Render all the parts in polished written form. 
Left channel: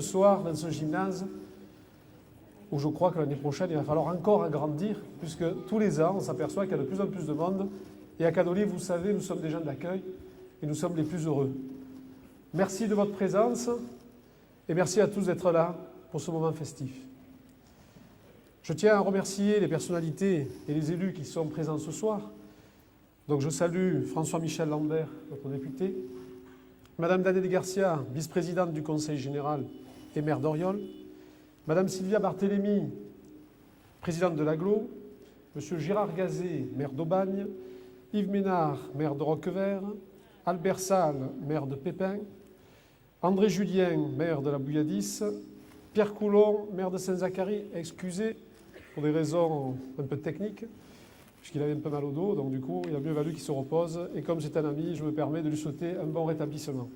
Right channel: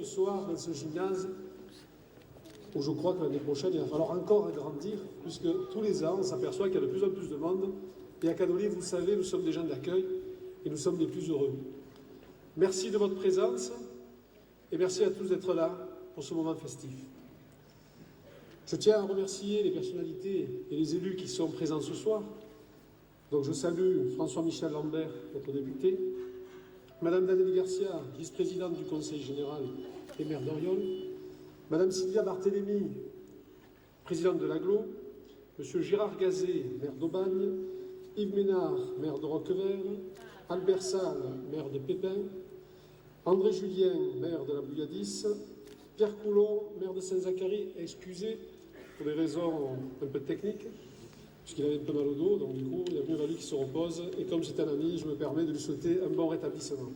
Ce soir, dans ce gymnase, où je crois que l'année prochaine, il va falloir encore agrandir, puisque tous les ans, on s'aperçoit qu'il y a de plus en plus de monde. Et à Canoli, vous savez, nous sommes des gens d'accueil et nous sommes les plus heureux. Merci de votre présence et merci à tous d'être là pour ce moment festif. Je tiens à remercier les personnalités et les élus qui sont présents ce soir. Donc je salue François-Michel Lambert, notre député, Madame Danette Garcia, vice-présidente du Conseil général et maire d'Oriol, Madame Sylvia Barthélémy, présidente de l'Aglo, Monsieur Gérard Gazet, maire d'Aubagne, Yves Ménard, maire de Roquevert, Albert Salle, maire de Pépin, André Julien, maire de la Bouilladisse, Pierre Coulon, maire de Saint-Zacharie, excusé pour des raisons un peu techniques, puisqu'il avait un peu mal au dos, donc du coup, il a mieux valu qu'il se repose. Et comme c'est un ami, je me permets de lui souhaiter un bon rétablissement.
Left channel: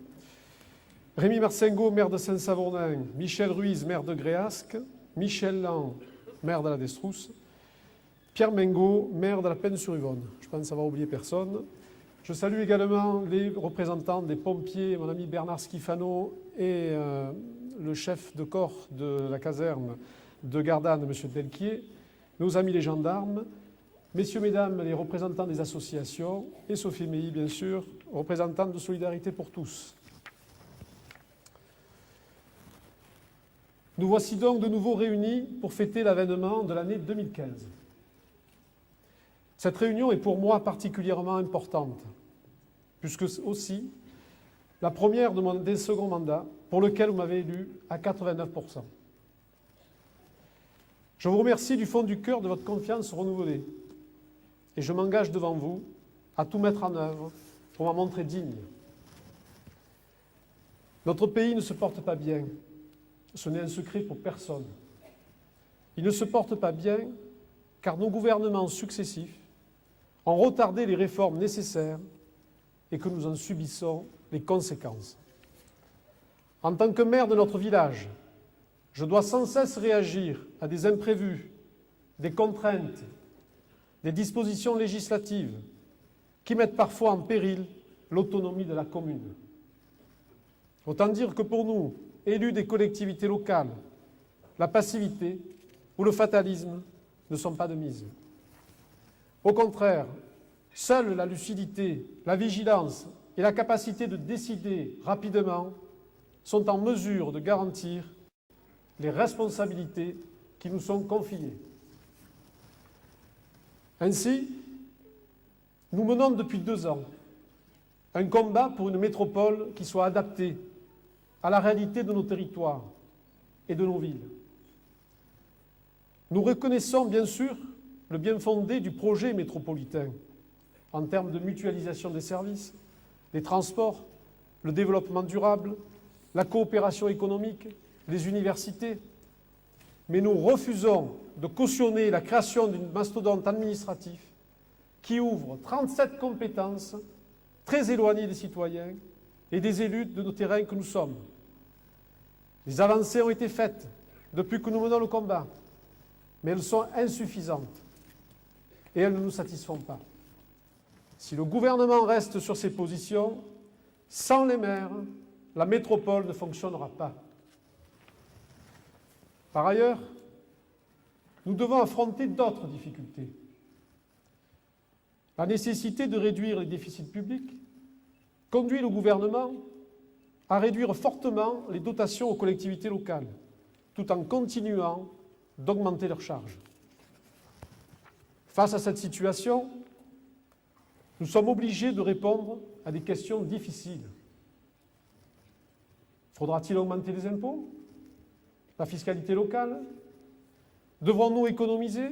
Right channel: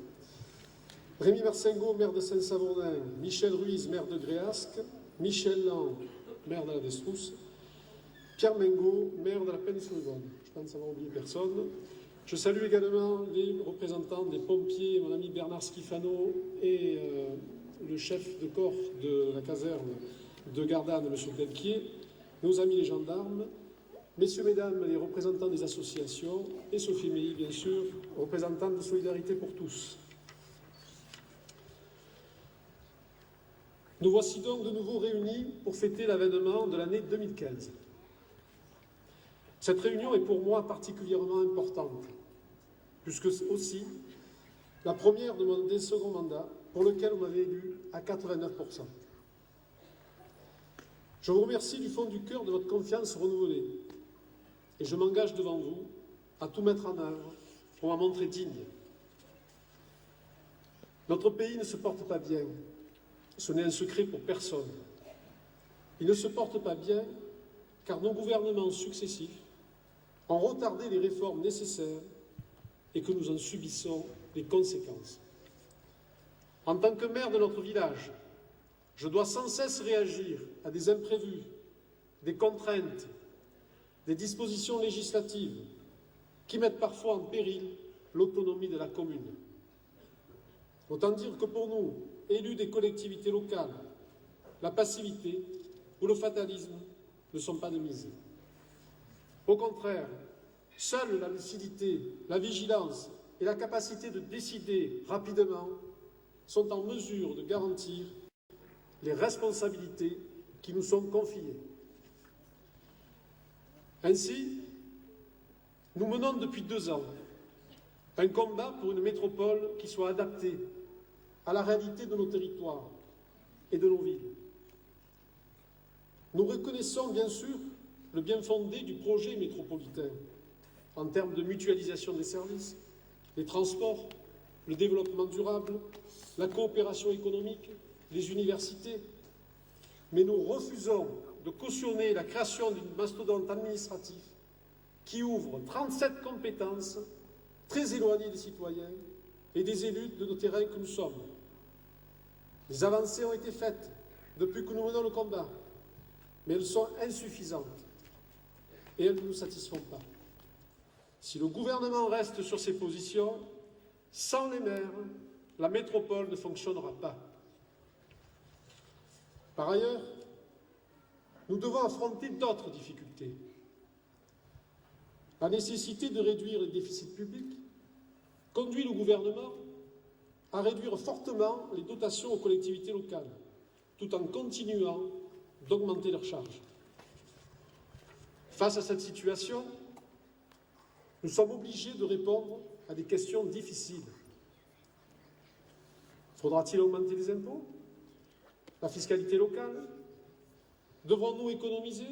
Rémi Marcingot, maire de Saint-Savonnin, Michel Ruiz, maire de Gréasque, Michel Lang, maire de la Destrousse, Pierre Mengot, maire de la Plaine-sur-Yvonne. Je pense que ça va oublier personne. Je salue également les représentants des pompiers, mon ami Bernard Schifano et le chef de corps de la caserne de Gardanne, M. Pelletier, nos amis les gendarmes, messieurs, mesdames, les représentants des associations, et Sophie Meilly, bien sûr, représentante de Solidarité pour tous. Nous voici donc de nouveau réunis pour fêter l'avènement de l'année 2015. Cette réunion est pour moi particulièrement importante, puisque aussi la première de mon second mandat, pour lequel vous m'avez élu à 89%. Je vous remercie du fond du cœur de votre confiance renouvelée, et je m'engage devant vous à tout mettre en œuvre pour m'en montrer digne. Notre pays ne se porte pas bien. Ce n'est un secret pour personne. Il ne se porte pas bien car nos gouvernements successifs ont retardé les réformes nécessaires et que nous en subissons les conséquences. En tant que maire de notre village, je dois sans cesse réagir à des imprévus, des contraintes, des dispositions législatives qui mettent parfois en péril l'autonomie de la commune. Autant dire que pour nous, élus des collectivités locales, la passivité ou le fatalisme ne sont pas de mise. Au contraire, seule la lucidité, la vigilance et la capacité de décider rapidement sont en mesure de garantir les responsabilités qui nous sont confiées. Ainsi, nous menons depuis 2 ans un combat pour une métropole qui soit adaptée à la réalité de nos territoires et de nos villes. Nous reconnaissons bien sûr le bien fondé du projet métropolitain en termes de mutualisation des services, des transports, le développement durable, la coopération économique, les universités. Mais nous refusons de cautionner la création d'une mastodonte administrative qui ouvre 37 compétences très éloignées des citoyens et des élus de nos terrains que nous sommes. Les avancées ont été faites depuis que nous menons le combat, mais elles sont insuffisantes et elles ne nous satisfont pas. Si le gouvernement reste sur ses positions, sans les maires, la métropole ne fonctionnera pas. Par ailleurs, nous devons affronter d'autres difficultés. La nécessité de réduire les déficits publics conduit le gouvernement à réduire fortement les dotations aux collectivités locales, tout en continuant d'augmenter leurs charges. Face à cette situation, nous sommes obligés de répondre à des questions difficiles. Faudra-t-il augmenter les impôts? La fiscalité locale? Devrons-nous économiser?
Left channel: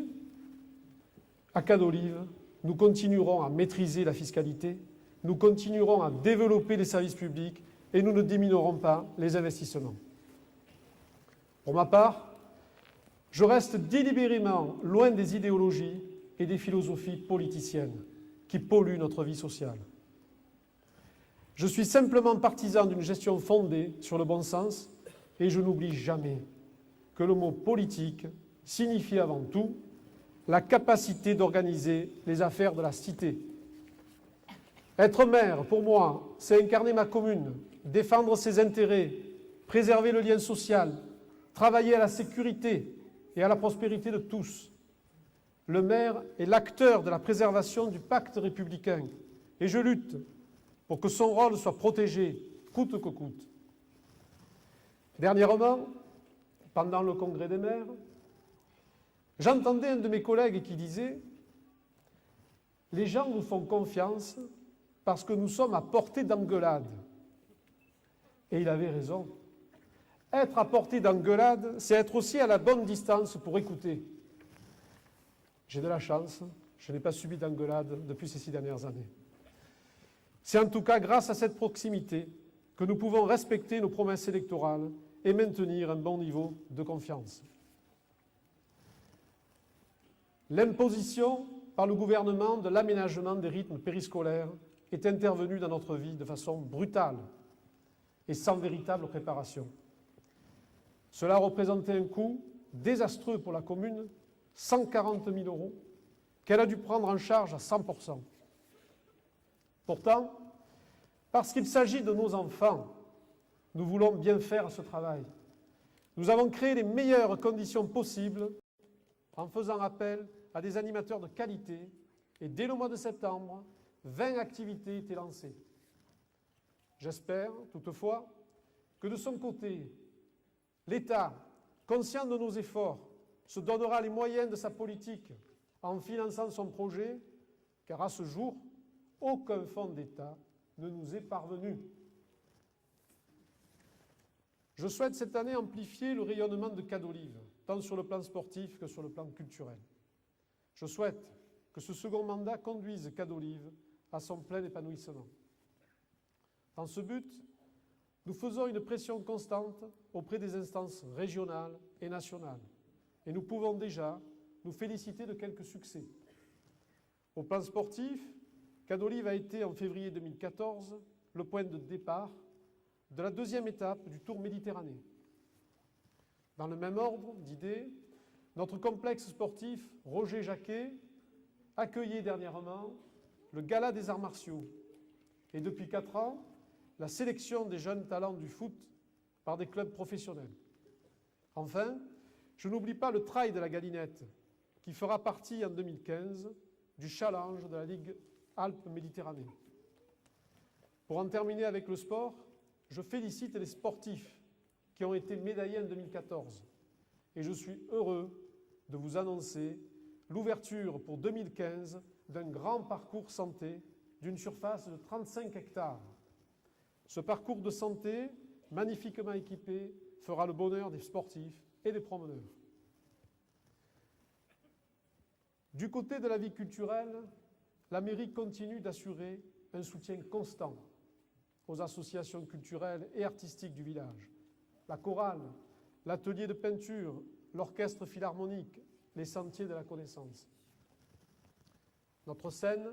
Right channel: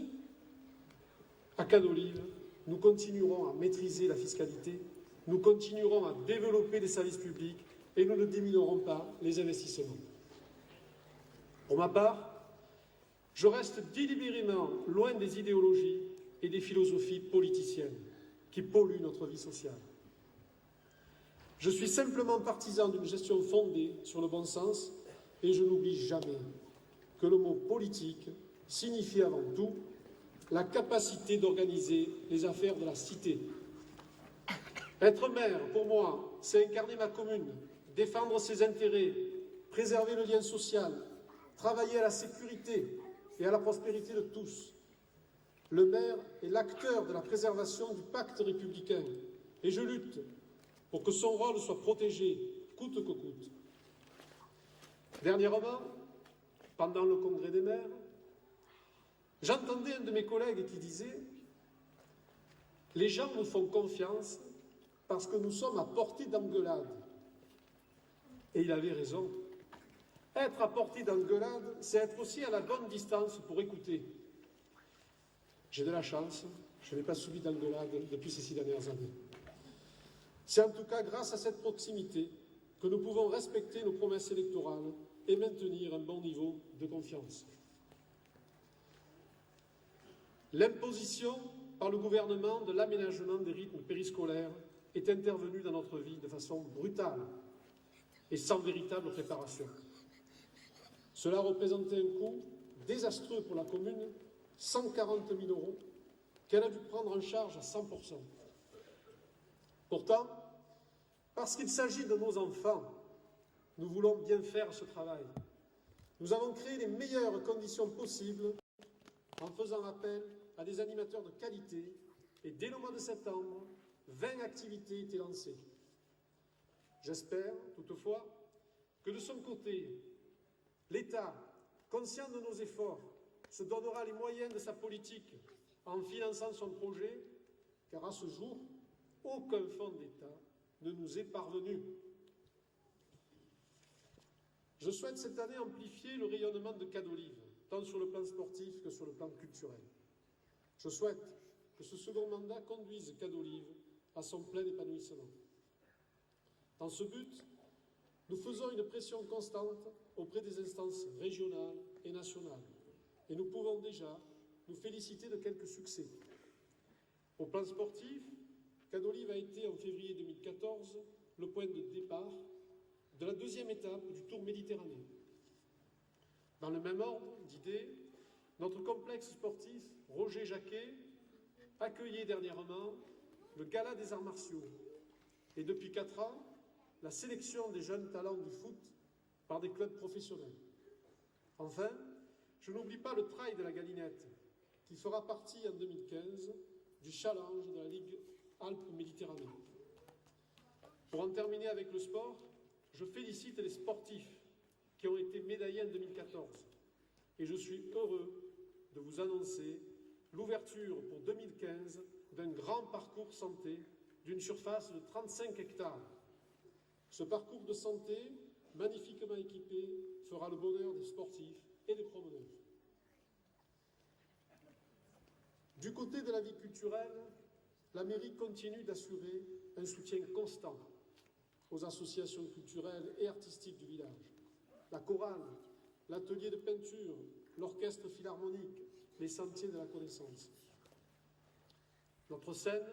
À Canolive, nous continuerons à maîtriser la fiscalité, nous continuerons à développer les services publics et nous ne diminuerons pas les investissements. Pour ma part, je reste délibérément loin des idéologies et des philosophies politiciennes qui polluent notre vie sociale. Je suis simplement partisan d'une gestion fondée sur le bon sens et je n'oublie jamais que le mot politique signifie avant tout la capacité d'organiser les affaires de la cité. Être maire, pour moi, c'est incarner ma commune, défendre ses intérêts, préserver le lien social, travailler à la sécurité et à la prospérité de tous. Le maire est l'acteur de la préservation du pacte républicain et je lutte pour que son rôle soit protégé, coûte que coûte. Dernièrement, pendant le congrès des maires, j'entendais un de mes collègues qui disait « Les gens nous font confiance parce que nous sommes à portée d'engueulade. » Et il avait raison. Être à portée d'engueulade, c'est être aussi à la bonne distance pour écouter. J'ai de la chance, je n'ai pas subi d'engueulade depuis ces 6 dernières années. C'est en tout cas grâce à cette proximité que nous pouvons respecter nos promesses électorales et maintenir un bon niveau de confiance. L'imposition par le gouvernement de l'aménagement des rythmes périscolaires est intervenue dans notre vie de façon brutale et sans véritable préparation. Cela représentait un coût désastreux pour la commune, 140 000 €, qu'elle a dû prendre en charge à 100%. Pourtant, parce qu'il s'agit de nos enfants, nous voulons bien faire ce travail. Nous avons créé les meilleures conditions possibles en faisant appel à des animateurs de qualité et dès le mois de septembre, 20 activités étaient lancées. J'espère, toutefois, que de son côté, l'État, conscient de nos efforts, se donnera les moyens de sa politique en finançant son projet, car à ce jour, aucun fonds d'État ne nous est parvenu. Je souhaite cette année amplifier le rayonnement de Cadolive, tant sur le plan sportif que sur le plan culturel. Je souhaite que ce second mandat conduise Cadolive à son plein épanouissement. En ce but, nous faisons une pression constante auprès des instances régionales et nationales. Et nous pouvons déjà nous féliciter de quelques succès. Au plan sportif, Cadolive a été en février 2014 le point de départ de la deuxième étape du Tour Méditerranée. Dans le même ordre d'idées, notre complexe sportif Roger Jacquet accueillait dernièrement le Gala des arts martiaux et depuis 4 ans, la sélection des jeunes talents du foot par des clubs professionnels. Enfin, je n'oublie pas le Trail de la Galinette, qui fera partie en 2015 du challenge de la Ligue Alpes-Méditerranée. Pour en terminer avec le sport, je félicite les sportifs qui ont été médaillés en 2014 et je suis heureux de vous annoncer l'ouverture pour 2015 d'un grand parcours santé d'une surface de 35 hectares. Ce parcours de santé, magnifiquement équipé, fera le bonheur des sportifs et des promeneurs. Du côté de la vie culturelle, la mairie continue d'assurer un soutien constant aux associations culturelles et artistiques du village. La chorale, l'atelier de peinture, l'orchestre philharmonique, les sentiers de la connaissance. Notre scène,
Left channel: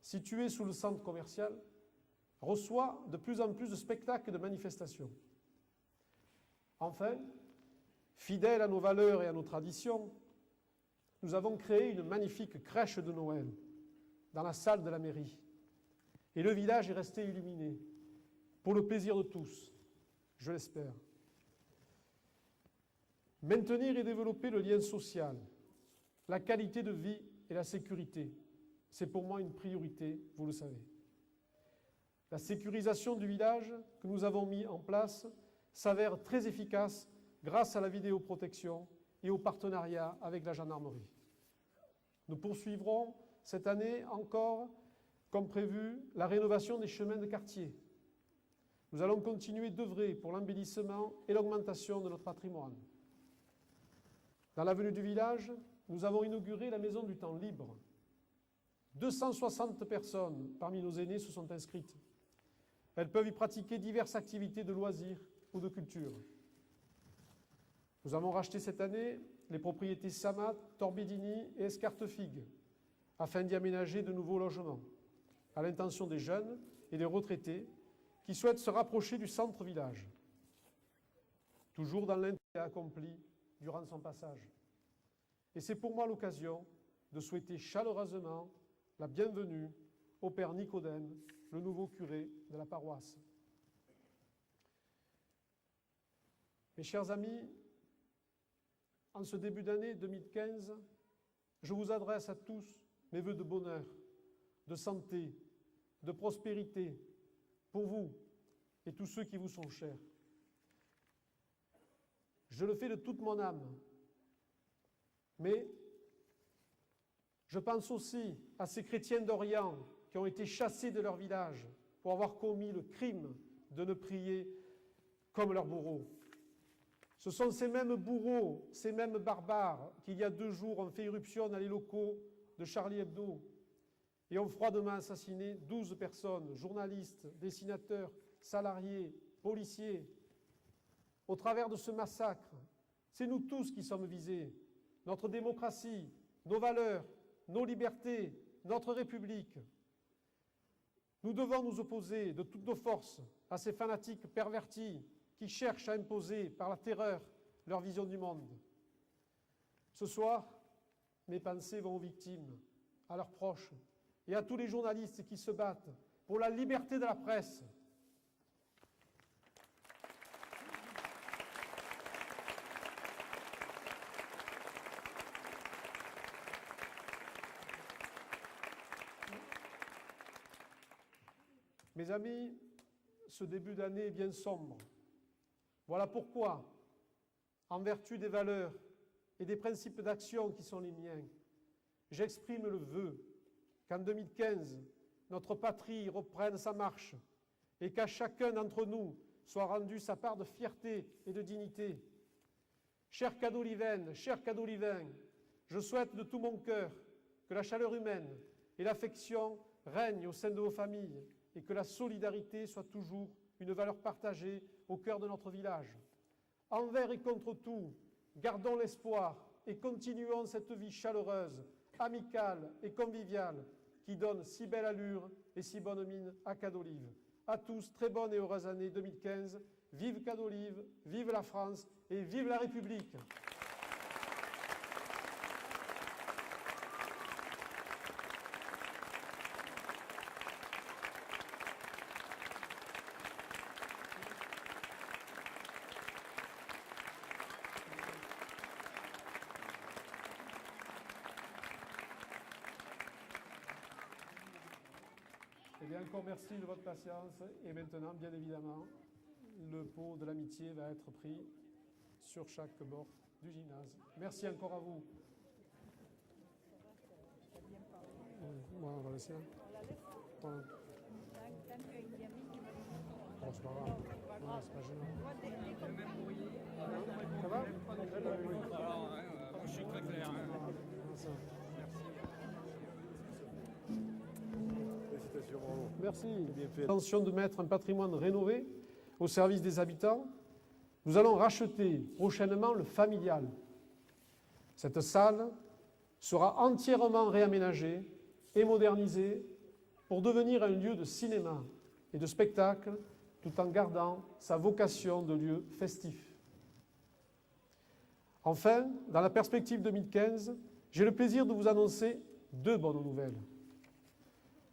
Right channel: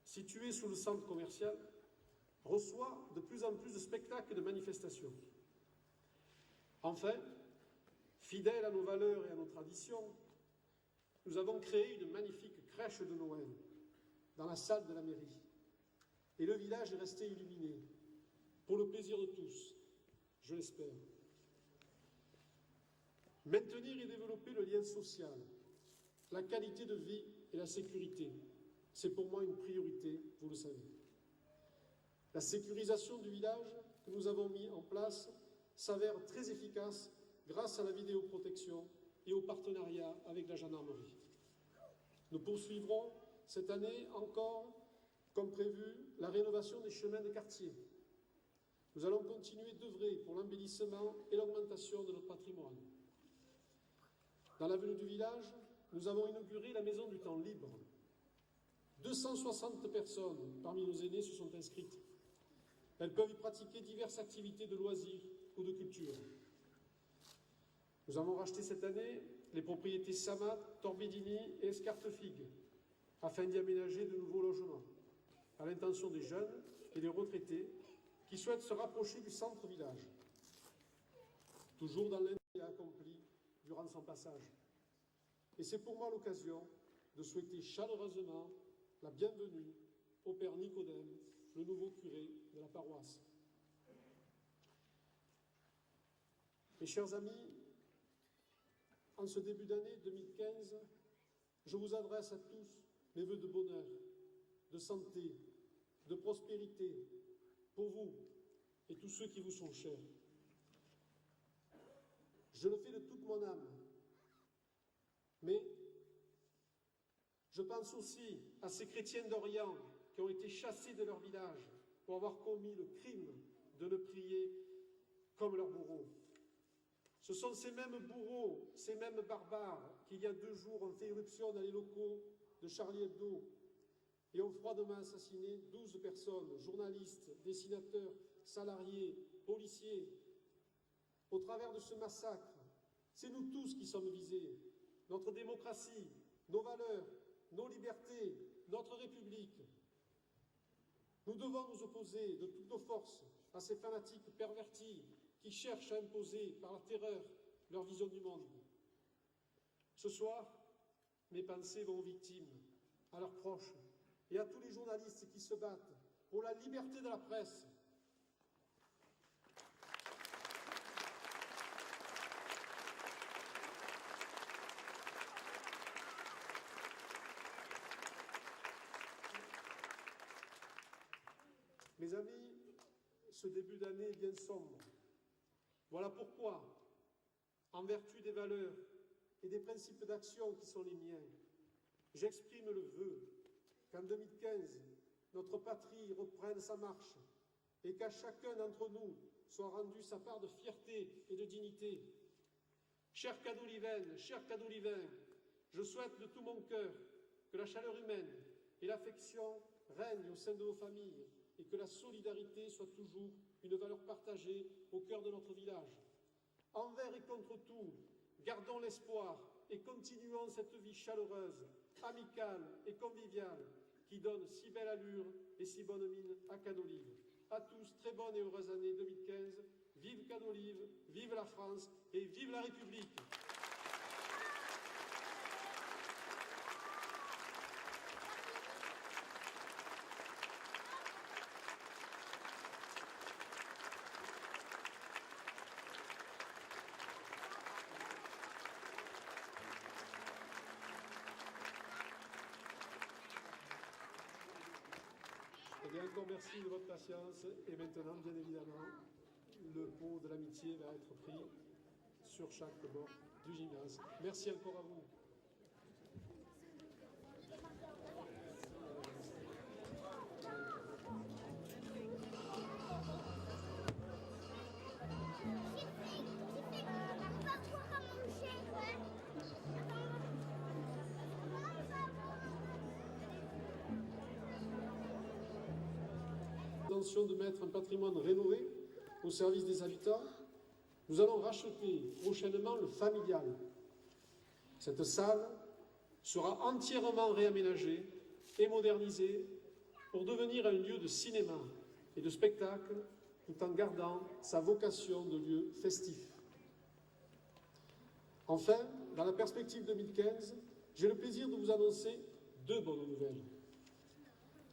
située sous le centre commercial, reçoit de plus en plus de spectacles et de manifestations. Enfin, fidèles à nos valeurs et à nos traditions, nous avons créé une magnifique crèche de Noël dans la salle de la mairie. Et le village est resté illuminé, pour le plaisir de tous, je l'espère. Maintenir et développer le lien social, la qualité de vie et la sécurité, c'est pour moi une priorité, vous le savez. La sécurisation du village que nous avons mis en place s'avère très efficace grâce à la vidéoprotection et au partenariat avec la gendarmerie. Nous poursuivrons cette année encore, comme prévu, la rénovation des chemins de quartier. Nous allons continuer d'œuvrer pour l'embellissement et l'augmentation de notre patrimoine. Dans l'avenue du village, nous avons inauguré la maison du temps libre. 260 personnes parmi nos aînés se sont inscrites. Elles peuvent y pratiquer diverses activités de loisirs ou de culture. Nous avons racheté cette année les propriétés Samat, Torbidini et Escartefigue, afin d'y aménager de nouveaux logements, à l'intention des jeunes et des retraités qui souhaitent se rapprocher du centre-village, toujours dans l'intérêt accompli durant son passage. Et c'est pour moi l'occasion de souhaiter chaleureusement la bienvenue au Père Nicodème, le nouveau curé de la paroisse. Mes chers amis, en ce début d'année 2015, je vous adresse à tous mes vœux de bonheur, de santé, de prospérité, pour vous et tous ceux qui vous sont chers. Je le fais de toute mon âme, mais je pense aussi à ces chrétiens d'Orient qui ont été chassés de leur village pour avoir commis le crime de ne prier comme leurs bourreaux. Ce sont ces mêmes bourreaux, ces mêmes barbares qui, il y a 2 jours, ont fait irruption dans les locaux de Charlie Hebdo et ont froidement assassiné 12 personnes, journalistes, dessinateurs, salariés, policiers. Au travers de ce massacre, c'est nous tous qui sommes visés. Notre démocratie, nos valeurs, nos libertés, notre République. Nous devons nous opposer de toutes nos forces à ces fanatiques pervertis qui cherchent à imposer par la terreur leur vision du monde. Ce soir, mes pensées vont aux victimes, à leurs proches et à tous les journalistes qui se battent pour la liberté de la presse. Mes amis, ce début d'année est bien sombre. Voilà pourquoi, en vertu des valeurs et des principes d'action qui sont les miens, j'exprime le vœu qu'en 2015, notre patrie reprenne sa marche et qu'à chacun d'entre nous soit rendue sa part de fierté et de dignité. Chers Cadolivaines, chers Cadolivains, je souhaite de tout mon cœur que la chaleur humaine et l'affection règnent au sein de vos familles et que la solidarité soit toujours une valeur partagée au cœur de notre village. Envers et contre tout, gardons l'espoir et continuons cette vie chaleureuse, amicale et conviviale qui donne si belle allure et si bonne mine à Cadolive. À tous, très bonne et heureuse année 2015. Vive Cadolive, vive la France et vive la République! Eh bien, encore merci de votre patience. Et maintenant, bien évidemment, le pot de l'amitié va être pris sur chaque bord du gymnase. Merci encore à vous. On va laisser. Merci. Intention de mettre un patrimoine rénové au service des habitants. Nous allons racheter prochainement le familial. Cette salle sera entièrement réaménagée et modernisée pour devenir un lieu de cinéma et de spectacle tout en gardant sa vocation de lieu festif. Enfin, dans la perspective 2015, j'ai le plaisir de vous annoncer 2 bonnes nouvelles.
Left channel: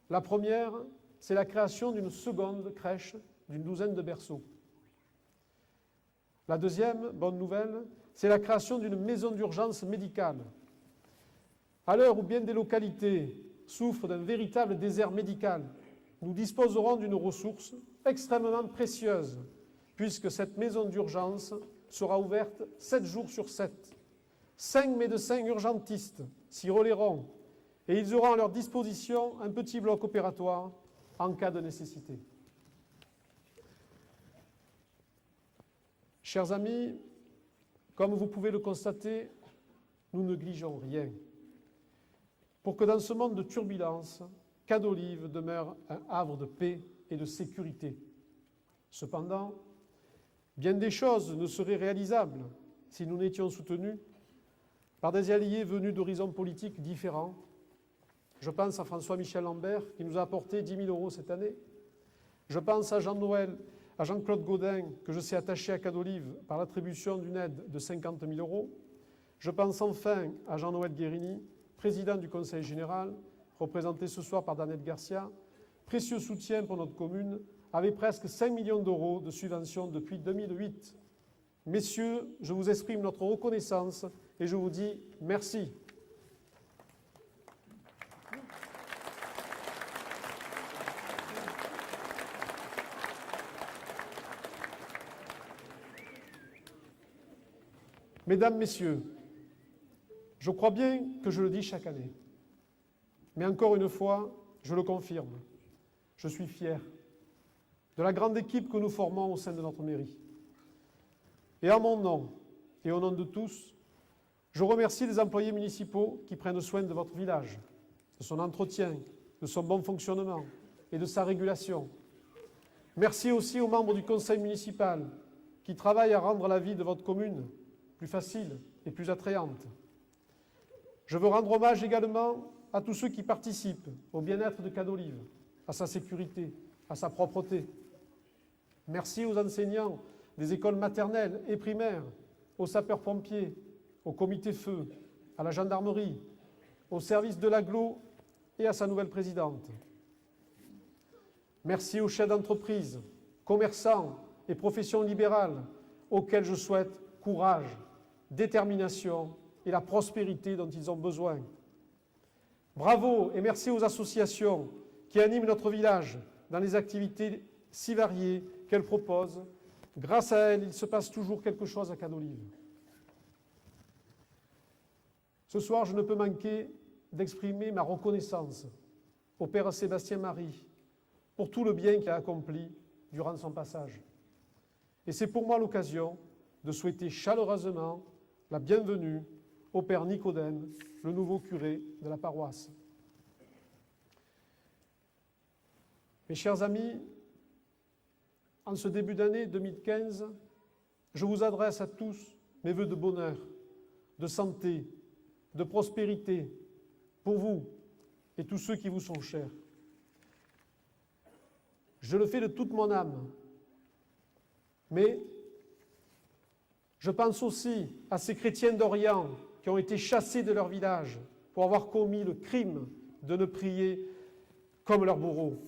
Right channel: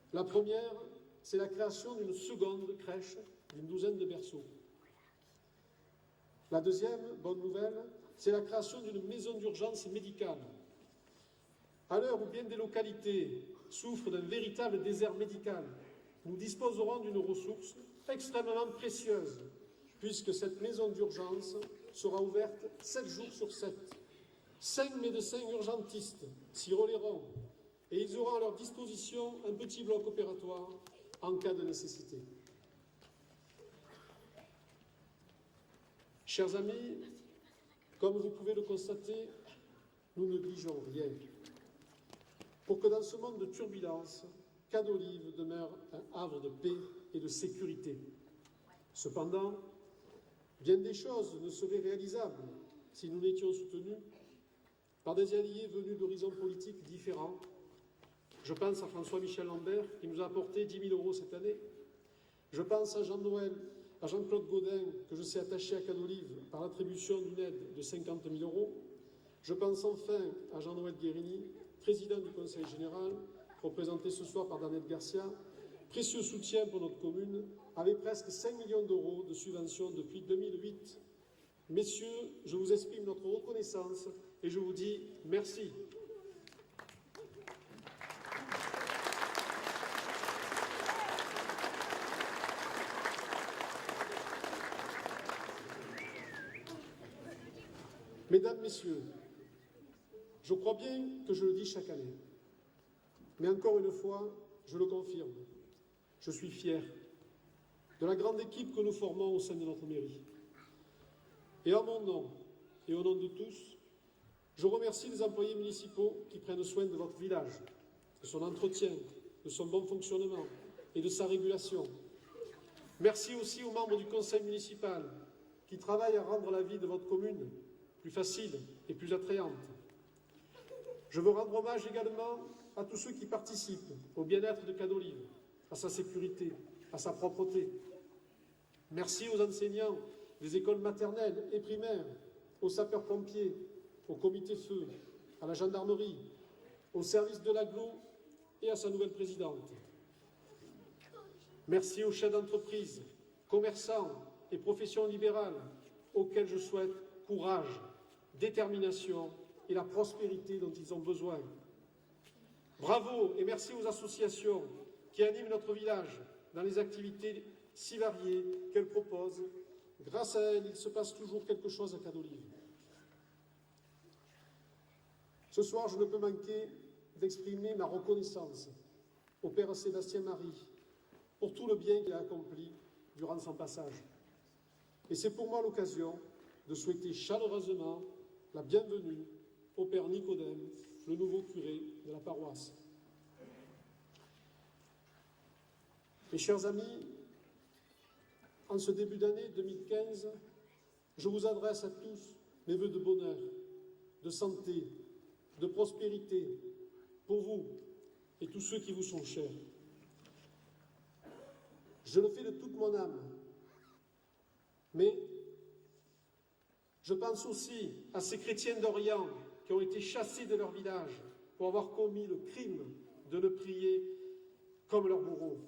La première, c'est la création d'une seconde crèche d'une 12aine de berceaux. La deuxième bonne nouvelle, c'est la création d'une maison d'urgence médicale. À l'heure où bien des localités souffrent d'un véritable désert médical, nous disposerons d'une ressource extrêmement précieuse, puisque cette maison d'urgence sera ouverte 7 jours sur 7. 5 médecins urgentistes s'y relayeront et ils auront à leur disposition un petit bloc opératoire en cas de nécessité. Chers amis, comme vous pouvez le constater, nous ne négligeons rien pour que dans ce monde de turbulence, Cadolive demeure un havre de paix et de sécurité. Cependant, bien des choses ne seraient réalisables si nous n'étions soutenus par des alliés venus d'horizons politiques différents. Je pense à François-Michel Lambert, qui nous a apporté 10 000 € cette année. Je pense à Jean-Claude Gaudin, que je sais attaché à Cadolive par l'attribution d'une aide de 50 000 €. Je pense enfin à Jean-Noël Guérini, président du Conseil général, représenté ce soir par Danette Garcia, précieux soutien pour notre commune, avec presque 5 millions d'euros de subventions depuis 2008. Messieurs, je vous exprime notre reconnaissance et je vous dis merci. Mesdames, Messieurs, je crois bien que je le dis chaque année, mais encore une fois, je le confirme, je suis fier de la grande équipe que nous formons au sein de notre mairie. Et en mon nom et au nom de tous, je remercie les employés municipaux qui prennent soin de votre village, de son entretien, de son bon fonctionnement et de sa régulation. Merci aussi aux membres du conseil municipal qui travaillent à rendre la vie de votre commune plus facile et plus attrayante. Je veux rendre hommage également à tous ceux qui participent au bien-être de Cadolive, à sa sécurité, à sa propreté. Merci aux enseignants des écoles maternelles et primaires, aux sapeurs-pompiers, au comité feu, à la gendarmerie, au service de l'agglo et à sa nouvelle présidente. Merci aux chefs d'entreprise, commerçants et professions libérales, auxquels je souhaite courage, détermination et la prospérité dont ils ont besoin. Bravo et merci aux associations qui animent notre village dans les activités si variées qu'elles proposent. Grâce à elles, il se passe toujours quelque chose à Cadolive. Ce soir, je ne peux manquer d'exprimer ma reconnaissance au Père Sébastien Marie pour tout le bien qu'il a accompli durant son passage. Et c'est pour moi l'occasion de souhaiter chaleureusement la bienvenue au Père Nicodème, le nouveau curé de la paroisse. Mes chers amis, en ce début d'année 2015, je vous adresse à tous mes vœux de bonheur, de santé, de prospérité, pour vous et tous ceux qui vous sont chers. Je le fais de toute mon âme, mais je pense aussi à ces chrétiens d'Orient qui ont été chassés de leur village pour avoir commis le crime de ne prier comme leurs bourreaux.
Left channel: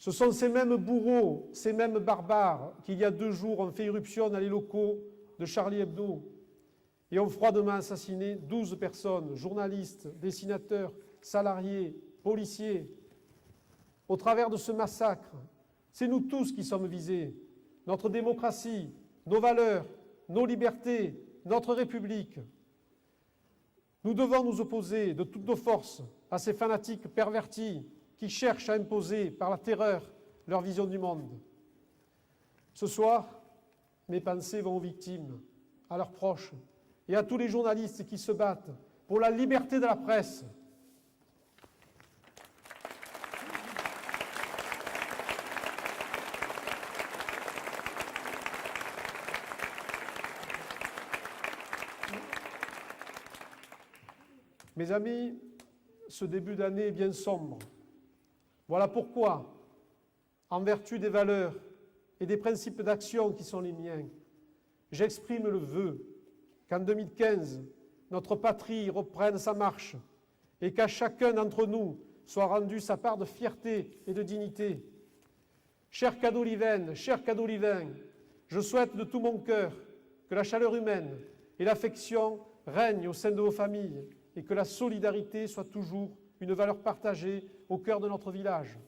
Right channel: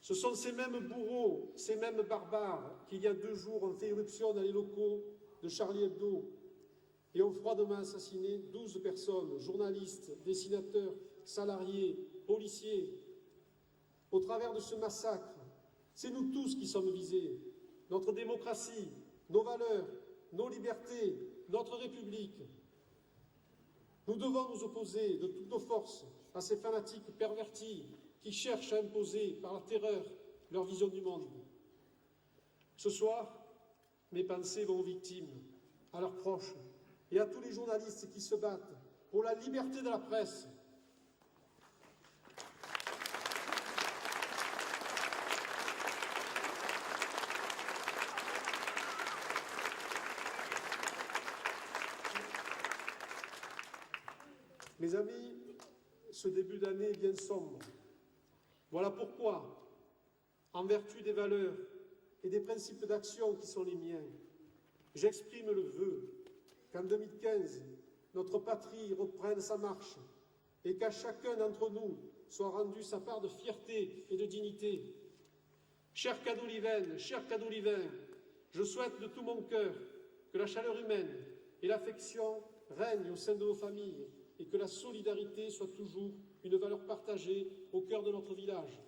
Ce sont ces mêmes bourreaux, ces mêmes barbares qui, il y a 2 jours, ont fait irruption dans les locaux de Charlie Hebdo et ont froidement assassiné 12 personnes, journalistes, dessinateurs, salariés, policiers. Au travers de ce massacre, c'est nous tous qui sommes visés. Notre démocratie, nos valeurs, nos libertés, notre République. Nous devons nous opposer de toutes nos forces à ces fanatiques pervertis qui cherchent à imposer par la terreur leur vision du monde. Ce soir, mes pensées vont aux victimes, à leurs proches et à tous les journalistes qui se battent pour la liberté de la presse. Mes amis, ce début d'année est bien sombre. Voilà pourquoi, en vertu des valeurs et des principes d'action qui sont les miens, j'exprime le vœu qu'en 2015, notre patrie reprenne sa marche et qu'à chacun d'entre nous soit rendue sa part de fierté et de dignité. Chers Cadolivaines, chers Cadolivains, je souhaite de tout mon cœur que la chaleur humaine et l'affection règnent au sein de vos familles et que la solidarité soit toujours une valeur partagée au cœur de notre village.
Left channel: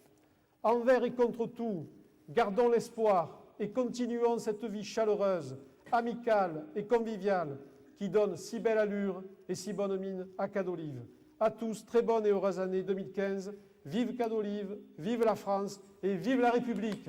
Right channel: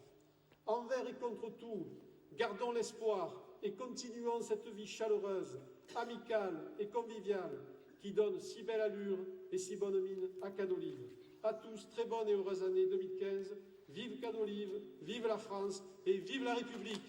Envers et contre tout, gardons l'espoir et continuons cette vie chaleureuse, amicale et conviviale qui donne si belle allure et si bonne mine à Cadolive. À tous, très bonne et heureuse année 2015. Vive Cadolive, vive la France et vive la République!